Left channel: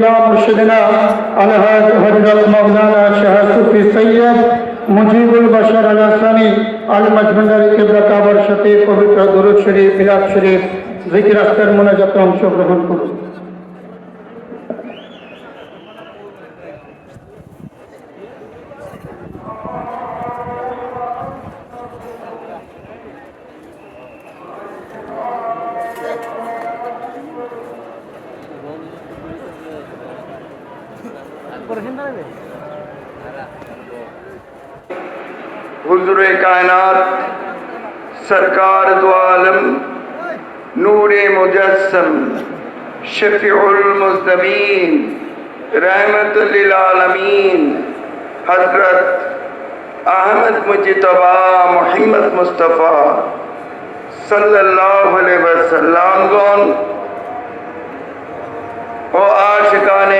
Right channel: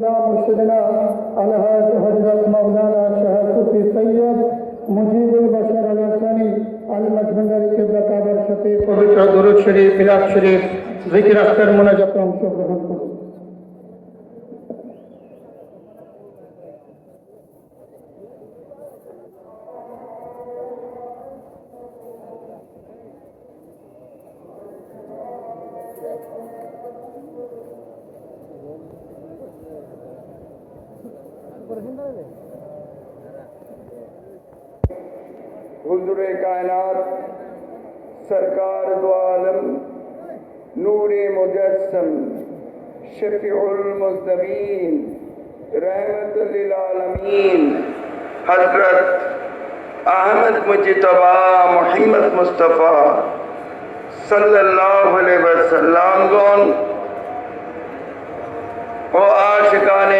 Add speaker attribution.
Speaker 1: مرشدنا الحاج حضرت مولانا شاہ صوفی سید মুজিবুল বাশার আল আসানি আল মাজমুন্ডারি কেবলা কাবার সাথে পবিত্র দরুদ শরীফ মিলাদ শরীফ জিকির আজকের মোনাজাতে অংশগ্রহণ করুন
Speaker 2: حضور کائنات سرکار دو عالم نور مجسم شفیع المزدمین رحمت للعالمین حضرت احمد مجتبا محمد مصطفیٰ صلی اللہ علیہ وسلم گون و عاشقان